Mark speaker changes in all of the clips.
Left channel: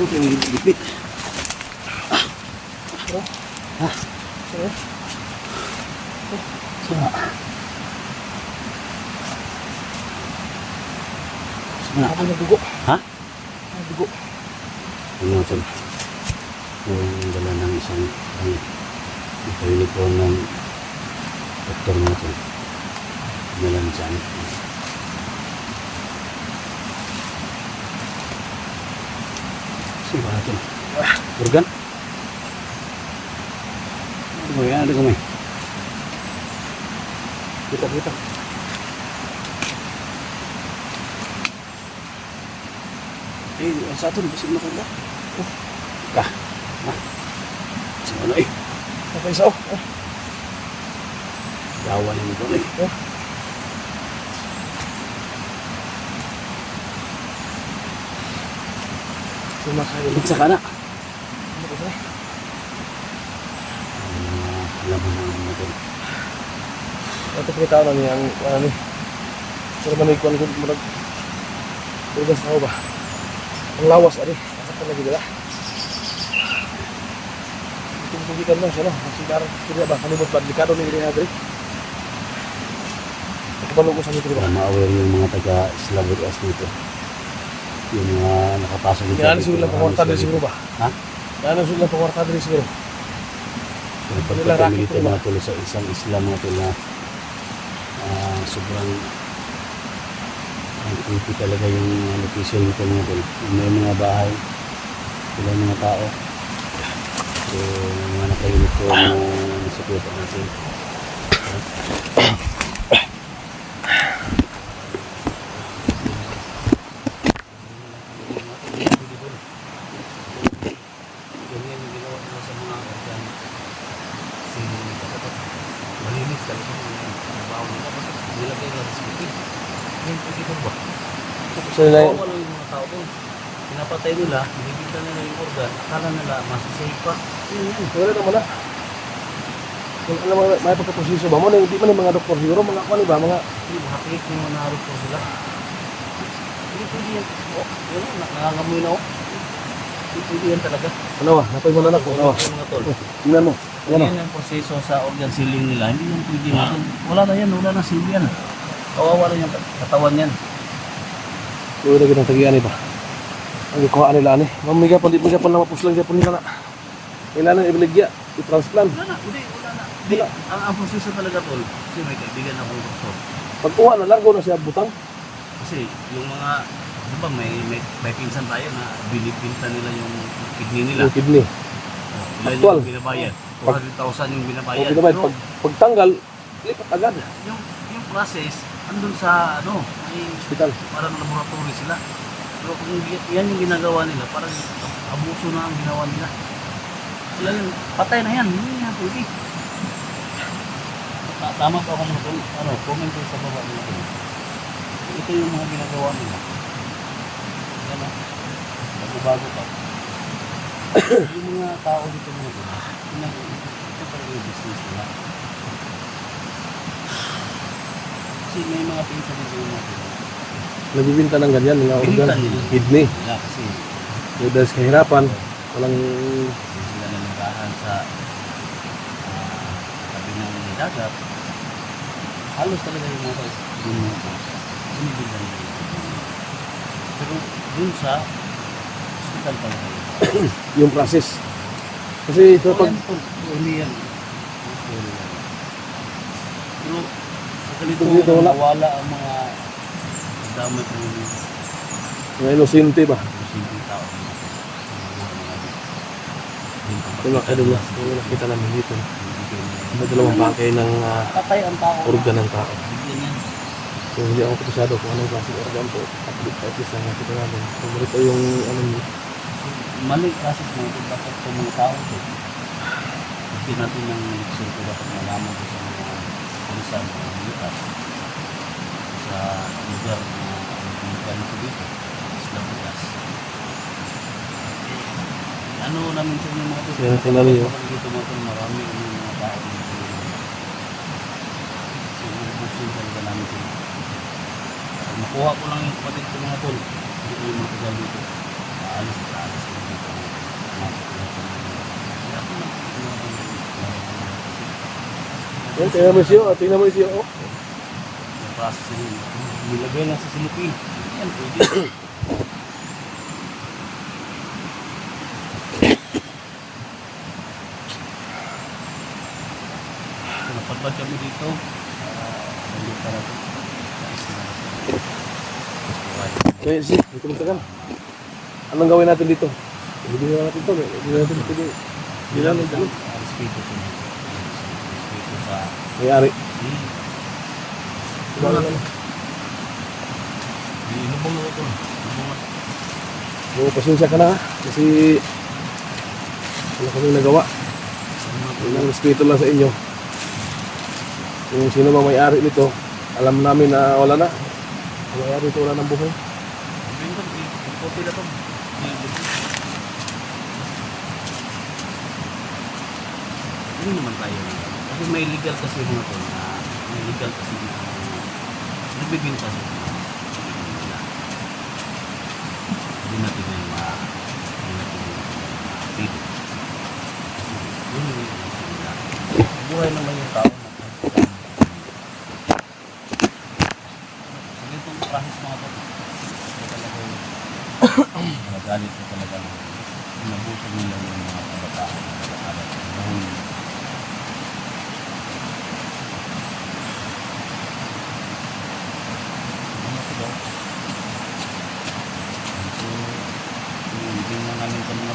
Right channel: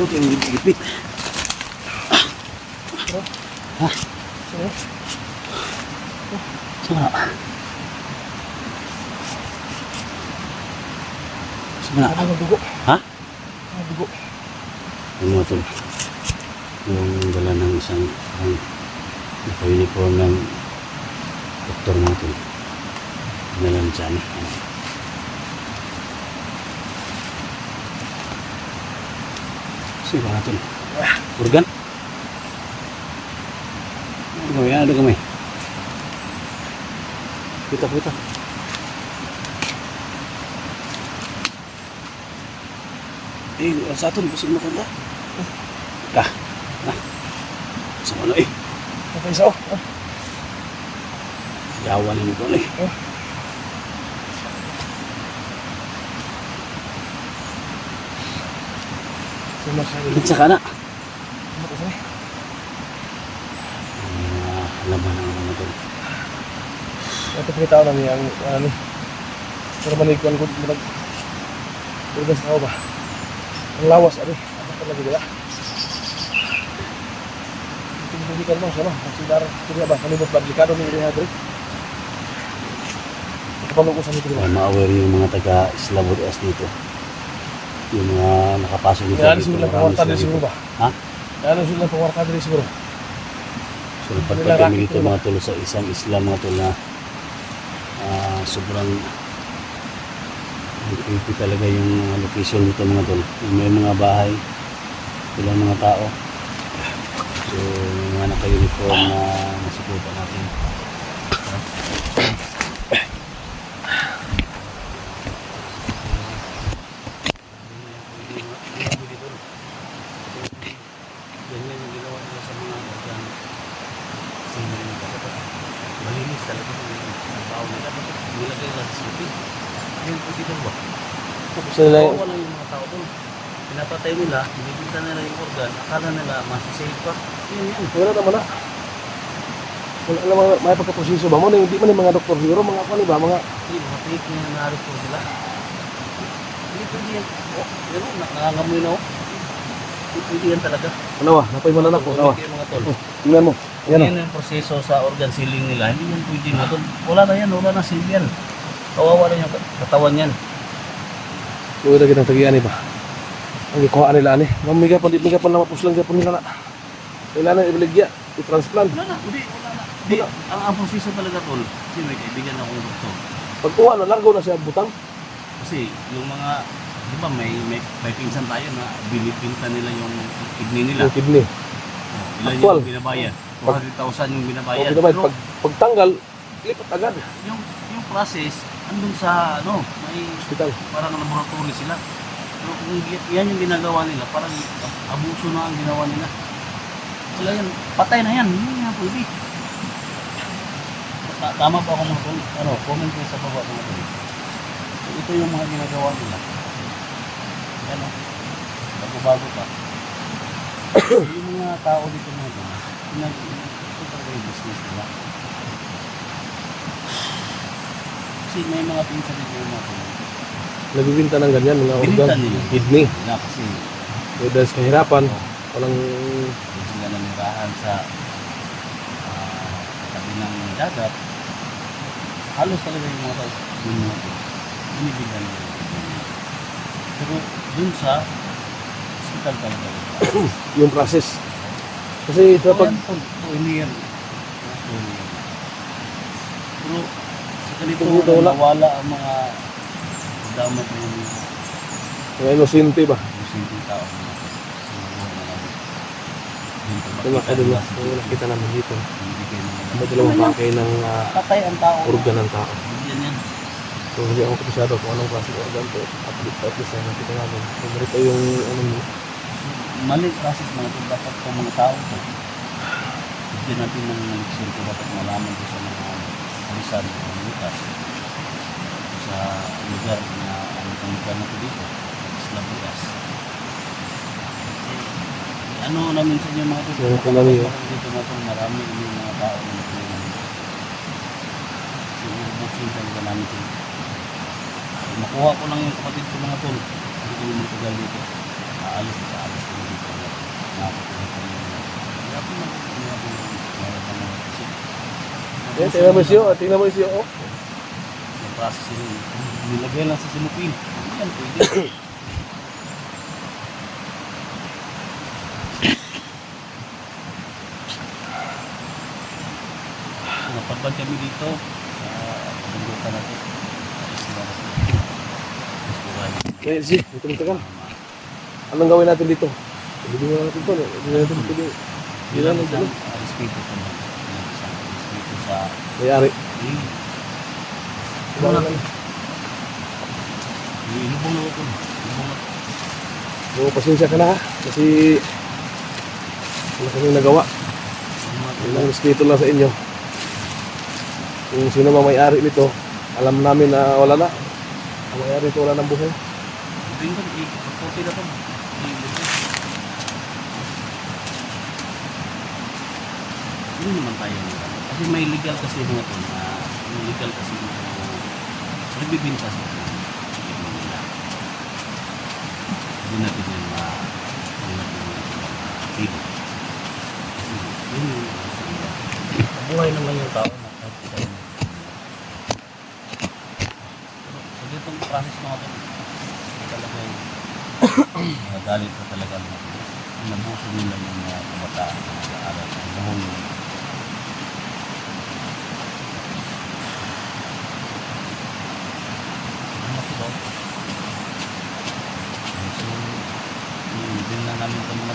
Speaker 1: So, tingin gipit.
Speaker 2: Sino?
Speaker 1: So, Sige na.
Speaker 2: Sabi ng dugo.
Speaker 1: Ha?
Speaker 2: Ah, dugo.
Speaker 1: Ano ito? Yung dala ng isang ang naka-uniform ng doktor natin. Nalang dyan. Sige natin. Organ? Ano yan? Ada kami.
Speaker 2: Kita, kita.
Speaker 1: Eh, sa atin, basig na kanda. Oh. Ah. Ah. Sa ano eh.
Speaker 2: Okay, isa oh. Oh,
Speaker 1: Yawan ni ko eh.
Speaker 2: Oh. Sumakain.
Speaker 1: Sa kana.
Speaker 2: Ano ko sa'yo?
Speaker 1: Alam mo na naman ito.
Speaker 2: Ito pinitaw na niya ang ano ni. Pero manikuan ko murag. Pero basta tao ba? Ang lawas ari. Asa ka lagi dala? Tugitan mo sa no. Sigar kaya ba kanibot ba delikado ni diri hadri. Kapalo ko sa nito ba?
Speaker 1: Ma-aware yung mga taga Slavod Os dito. Yung mga nakapasok dito.
Speaker 2: Yan siguro lang pangwarta diri siguro ba?
Speaker 1: Ha?
Speaker 2: Yan siguro lang pangwarta diri siguro.
Speaker 1: So,
Speaker 2: Kanila
Speaker 1: pagka
Speaker 2: racket
Speaker 1: kami dito
Speaker 2: rin ba?
Speaker 1: mga tuloy sa isang Islam mga tuloy na ah, sobrang ang creepy talaga yung location nito mga tuloy. May mga bahay, ilang mga tao. So, mga naka-uniform na nasukutan natin. Ganyan yung ginawa nila sa mga organ. Kasi malinis talaga yung trabaho nila. Bakit nilagay nila sa sipin? Yung pagkita ba?
Speaker 2: Tapos nila yung
Speaker 1: yung mga tao doon. Pinapatay nila, binibinta nila yung organ. Akala nila masasave pa. Yun yun.
Speaker 2: wala naman na. Kung alam mo, may pagkaposiso ba mo, na hindi man yung mga doktor siguro, mga kuan ba, mga
Speaker 1: Hindi, mga pigit yung nangarap po sila. Hindi pwede yan. Oh, yun o, nangangamoy na o. Hindi pwede yan talaga.
Speaker 2: ano ba, napay mo na na po, nawa.
Speaker 1: Yung mga tol.
Speaker 2: Tingnan mo, yan
Speaker 1: Yan ang proseso sa organ sealing nila. Hindi yan pwede mo. Wala na yan, wala na seal yan. Kawawa na yung katawan yan.
Speaker 2: Luwi lagi ng tagian ba? Ang ikuha nila ani. Mamiga pa miga pa na mapuslang gyapon nila na. Kailangan ibaligya, i-transplant.
Speaker 1: Wala na, hindi, wala na. Di, ang, ang proseso talaga tol, kasi may kaibigan ako yung doktor.
Speaker 2: Pag kuha na largo na siya butang.
Speaker 1: Kasi yung mga, di ba may, may, may pinsan tayo na binibinta nila yung kidney nila.
Speaker 2: Yung kidney.
Speaker 1: Oh, ilan
Speaker 2: Actual.
Speaker 1: yung binabayad?
Speaker 2: Pag-
Speaker 1: 200,000 yung
Speaker 2: O
Speaker 1: binabayad.
Speaker 2: pinabay
Speaker 1: Pero
Speaker 2: pag pagtanggal, lipat agad
Speaker 1: yung, yung process, andun sa, ano, may
Speaker 2: hospital.
Speaker 1: parang laboratory sila. Pero kung yan yung ginagawa nila, parang abuso na ang ginawa nila. Wala yun, patay na yan, hindi nga pwede. Ta- Tama pa ako mga ano, comment sa baba mga tol. Ito yung mga ginagawa nila. Yan ah, bago-bago pa. yung mga tao dito mga pinag yung business nila. Kasi may mga pinsan dito yung mga tol.
Speaker 2: Nagbibinta ng ganyan, mga organ.
Speaker 1: Nila.
Speaker 2: Kidney.
Speaker 1: Yeah, kasi
Speaker 2: Yung dahil sa kahirapan, walang
Speaker 1: Doon sila namirahan sa ah, tabi ng dagat. Halos talaga yung mga tao dun mo ito. Binibigyan nila. Pero dun sa hospital talaga.
Speaker 2: yung process. Kasi ito pag
Speaker 1: Pag hindi yan. Pero sa ganito
Speaker 2: dito wala.
Speaker 1: nawala ang mga damat ng
Speaker 2: mga inosente ba?
Speaker 1: simpleng tao.
Speaker 2: Ito na kayo dito. Yung nakita namin dito. May dalawang bangkay ng ah,
Speaker 1: Patay ang tao.
Speaker 2: organ ng tao.
Speaker 1: Yan.
Speaker 2: So hindi ako kapisado kung anong klaseng organ to. At at least na nakita namin. Kung ito yung ano niyo.
Speaker 1: Maling process na ito dapat sa mga tao ito. Hindi natin ng sure ko dapat malaman ko sa mga alisan ng mga lutas sa lugar na kung lugar na ito dito. Isla Bukas. Ano namin sa inyo mga ito?
Speaker 2: Yan ito namin, oh.
Speaker 1: Dito natin marami yung mga tao na option talaga namin sila. So, makuha ko lang yung kapatid ko mga tol. Hindi ko yung matagal dito. Aalis at aalis ko dito. Ko lang kami. Kaya ako lang
Speaker 2: Eh, tingnan mo siyo, tingnan mo siyo. Oh.
Speaker 1: Process yun. Nilagay lang sa sinupin. Yan, pwede. So, Napagdag kami dito. Ah, Nandito pa natin.
Speaker 2: Okay, si, dito mo tagal. Anong gawin natin dito? Ibigay natin to. Ibigay natin ito. Hindi na
Speaker 1: Isang,
Speaker 2: nagdalo.
Speaker 1: ah, respeto sa mga. Isang respeto sa
Speaker 2: May-ari.
Speaker 1: Eh,
Speaker 2: Wala na.
Speaker 1: Ilubong na ito. Ilubong na.
Speaker 2: Oo, pasensya ka na. Kasi wala kami nagawa. Yun ang respeto lang sa inyo. Kung sino man may-ari nito, alam namin na wala na. Ang may-ari nito wala ng buhay.
Speaker 1: Ibig ko, ipagkopi na ito. Hindi naman tayo. Kasi may legal kasi mga ito na may legal kasi mga nagbibinta sa ito. Hindi nila. Hindi natin yung mga hindi natin yung mga. Kasi yun yung buhay na lang yung tao. Mga nagalit ko talaga nabusog nila yung mga kabataan na nag-aaral. Buong ano sila? So, hindi na namin kami na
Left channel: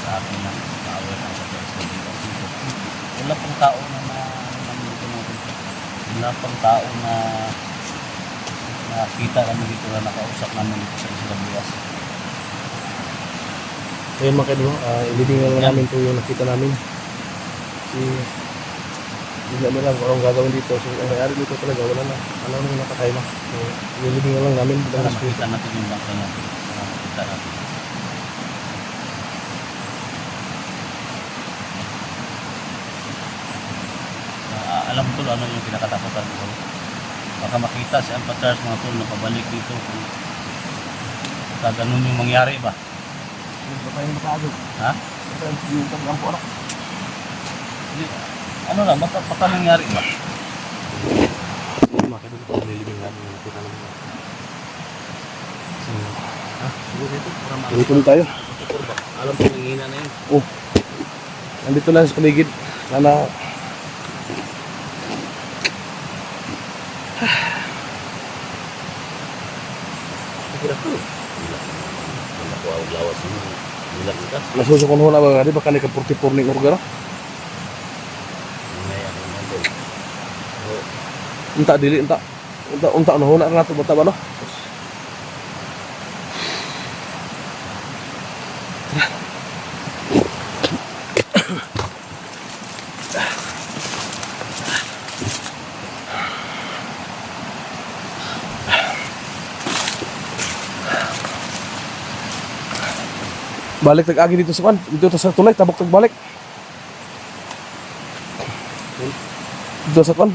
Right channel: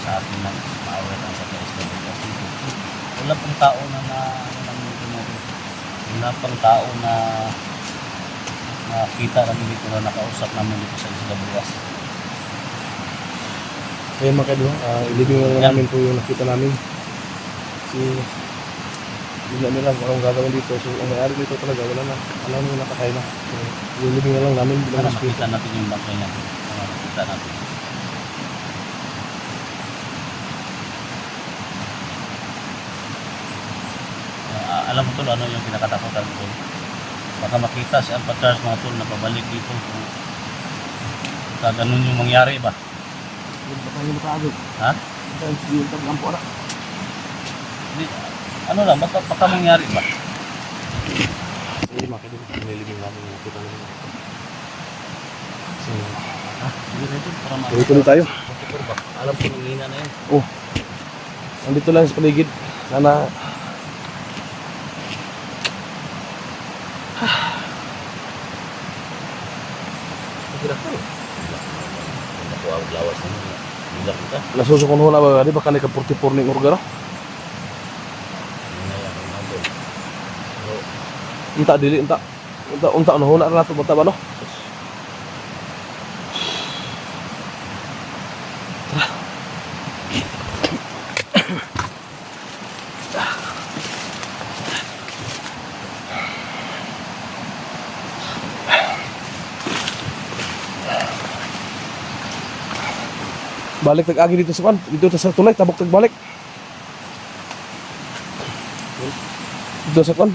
Speaker 1: sa atin ng na sa study kasi wala pong tao na na. Wala pong tao na nakita namin dito na nakausap namin dito sa Isla Buwas.
Speaker 2: Ayun mga kadwa, uh, ilibing na lang namin po yung nakita namin. Si hindi namin alam kung anong gagawin dito. So ang may-ari dito talaga wala na. Alam namin nakatay na. So ilibing na lang namin bilang respeto.
Speaker 1: makita natin yung bangkay natin. Makita natin. Ah, alam ko ano yung kinakatakutan ko. Baka makita si Alpha Charles mga tol na pabalik dito. Pag ganun yung mangyari ba?
Speaker 2: Baka yung nakaagaw.
Speaker 1: Ha?
Speaker 2: Baka yung tabi po na.
Speaker 1: Hindi, ano lang, baka, baka mangyari ba?
Speaker 2: Hindi kadwa, kung nilibing namin nakita namin. So,
Speaker 1: Siguro ito, para ma-
Speaker 2: tuloy-tuloy tayo.
Speaker 1: Alam ko yung hina na yun.
Speaker 2: Oh. Nandito lang sa paligid. Sana
Speaker 1: ka.
Speaker 2: nasusukon ho na ba di baka ni ka 44 ning organo. Unta dili unta. Unta unta ano ho na nato bata ba no? Balik tag-agi dito sa kan, dito sa tulay, tabok tagbalik. Dito sa tung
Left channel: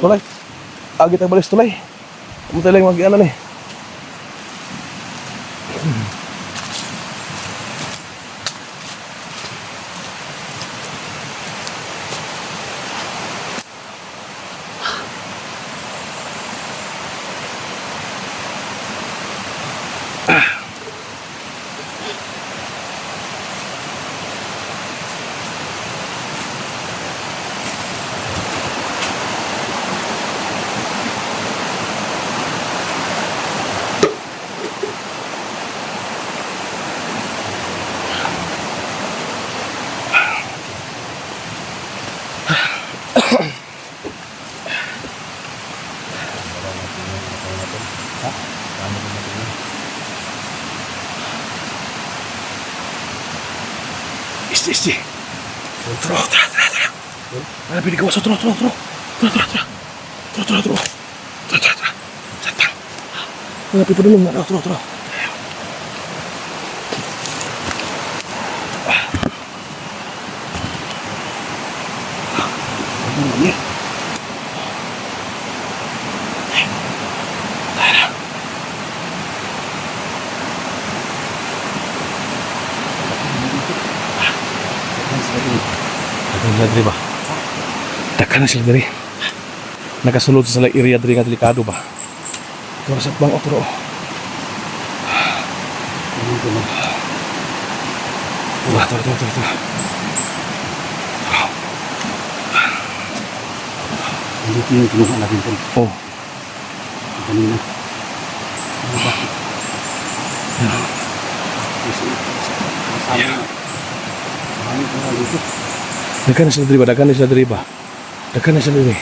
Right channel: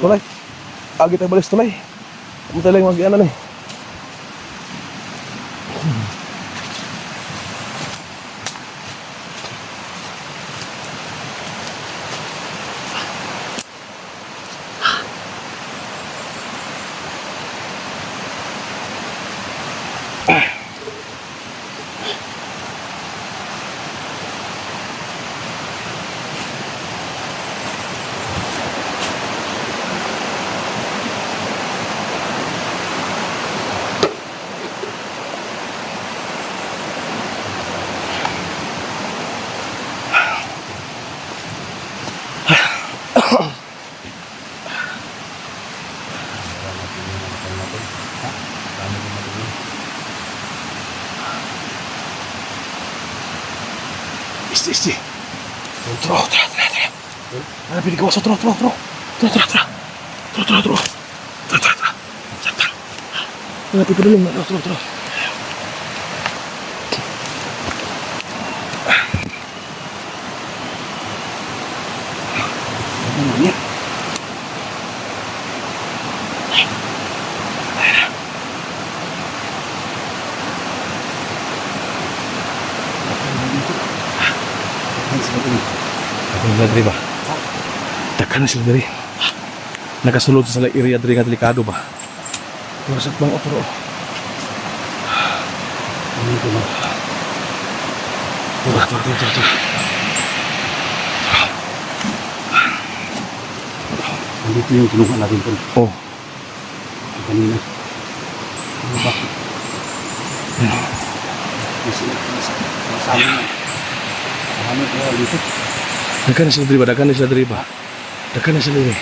Speaker 2: tulay. Agi tagbalik sa tulay. Kamu tayo lang mag-ano ni. Isti, isti. Tro, tra, tra, tra. Ano sa tro, tro, tro. Tro, tra, tra. Tro, tro, tro. Tro, tra, tra. Tra, tra. Ano pili pa dulong na, tro, tro. namanya teri? Sila dali. Nakasulod sa area dali nga delikado ba? Para bang opro. Tura, tura, tura, tura.
Speaker 1: Nandito yung kinuha natin tol.
Speaker 2: Oh,
Speaker 1: Yung Kanina. Ano ba?
Speaker 2: yan.
Speaker 1: Kasi, kasama. Ano ba dito?
Speaker 2: Daghan na sila diri ba? Daghan na sila diri ba? Daghan na sila diri.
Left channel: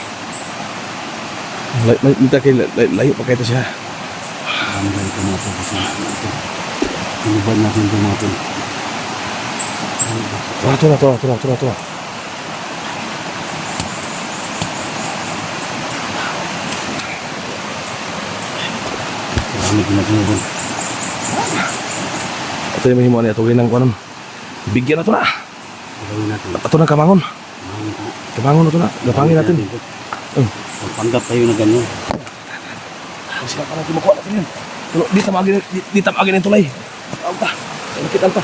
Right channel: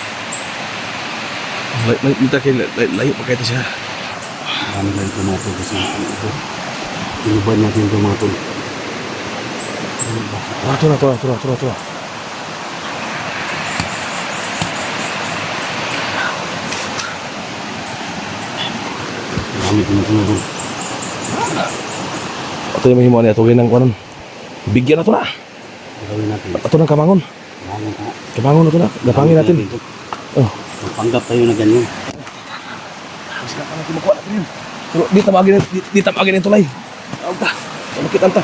Speaker 2: Lay, may minta kay lay- lay- layo pa kayo siya.
Speaker 1: Marami na ito mga tol. Kasi ano ito. Tinubad natin ito mga tol. Ano ba?
Speaker 2: Tura, tura, tura, tura, tura, tura.
Speaker 1: Marami ko na tinubad.
Speaker 2: Ito yung mahimo niya. Tugin ng kuwanan. Bigyan na to na.
Speaker 1: Gawin natin.
Speaker 2: Ito na kamangon.
Speaker 1: Bangon ka.
Speaker 2: Kamangon na to na. Gapangin natin. Oh.
Speaker 1: Magpanggap tayo na ganyan.
Speaker 2: Kasi na natin makuha natin yun. Pero di tamagin, di, di tamagin yung tulay. Tawag ta. Malakit ang ta.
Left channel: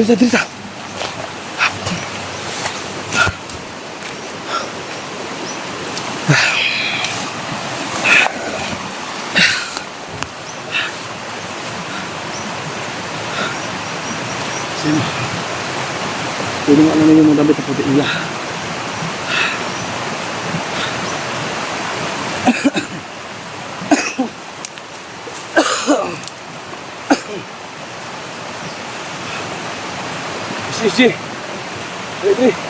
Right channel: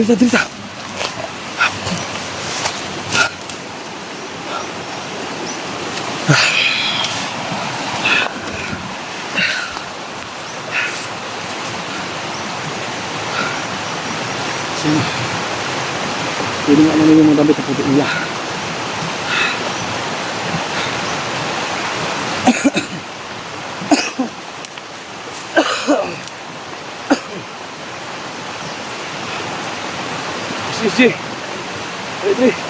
Speaker 2: Dito, dito.
Speaker 1: Sino? Pwede mo alam yung mga damit na puti nila.
Speaker 2: Dre, Dre.